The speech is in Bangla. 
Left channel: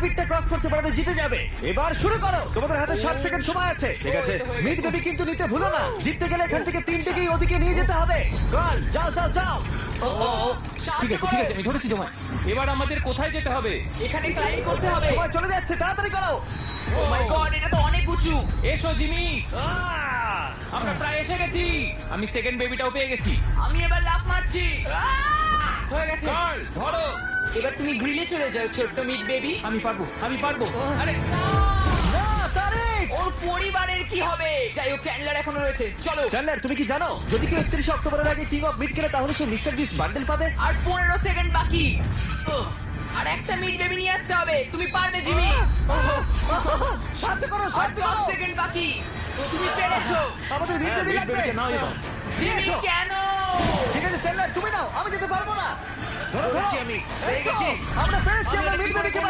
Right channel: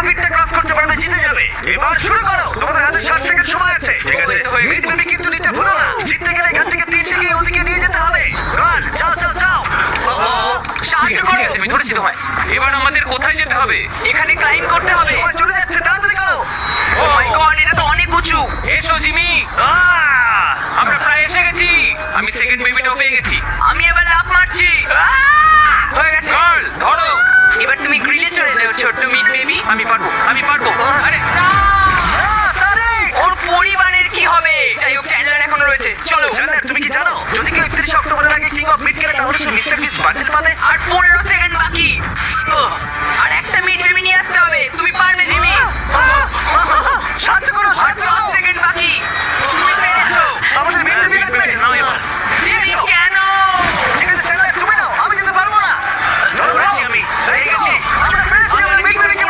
অনেকটা ক্রস করতে পারলে জিতে যাবে। এবার শুরু করো, তোমাদের হাতে 60 সেকেন্ড সময় আছে। ঠিক আছে, হয়ে গেছে। মিনিট কিন্তু নিতে ভুলো না, জিততে গেলে এখান থেকে 3 সিঁড়ি ওদিকে নিয়ে যেতে হবে। রান, যাও যাও যাও। সাহায্য করে আছে, আমি ধরেছি তোমায়। এবার আমাদের কোথায় যেতে হবে? এখানে ক্লাইম্ব করতে হবে। সময় চলে যাচ্ছে, তাড়াতাড়ি করো। ও মাই গড, এটা তো অনেক উঁচু। এসো জিমি, আমরা প্রায় এসে গেছি। আমি সেকেন্ড বেবিটাও পেয়ে গেছি। আমি এবার লাফ মারছি। হয়ে গেছে। চল, ধরো। এবার তুমি গ্রিলে চলে যাও, ছোট্ট মিড বেবি। আমি পারবো, আমি পারবো। আরে না! ওর পরিবারের কি হবে? যাই হোক, চ্যান্ডলার এখনো রয়েছে। চলো। চ্যান্ডলার, তুমি কি জানো যদি কেউ 31 অক্টোবরের আগে কিং অফ মিড খেলে তাহলে সে মিস্টার বিস্ট বান্ডেল পাবে? আর 15 সেকেন্ড বাকি। আর একটা মিড বেবি নিয়ে আসতে